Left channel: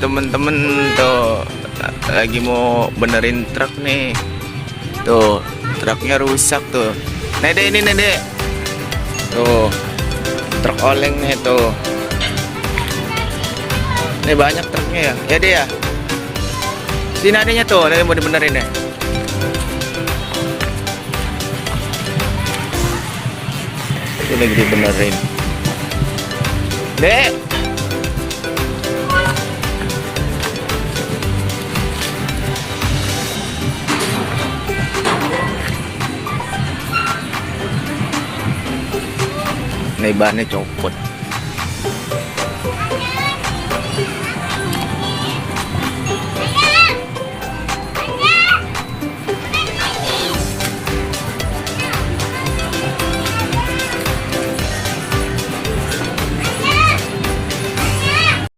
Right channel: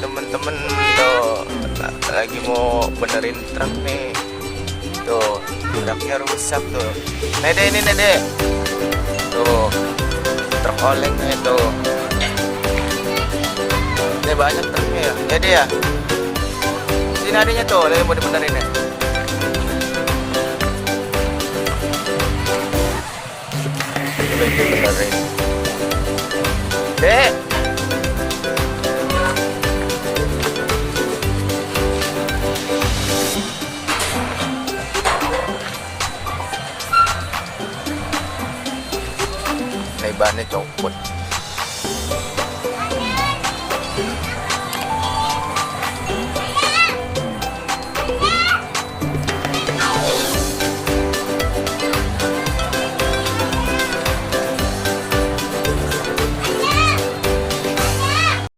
Temen-temen tuh lagi mau benerin truk nih. Tuh, truknya rusak tuh. Nede ini Nede. Tuh, truk oleng nih tuh. Ini banyak truknya ya. Ya dia. Ya? Sini adanya tuh, dia mau dibenerin ya. Itu lagi dibenerin. Dek. Nih bannya copot.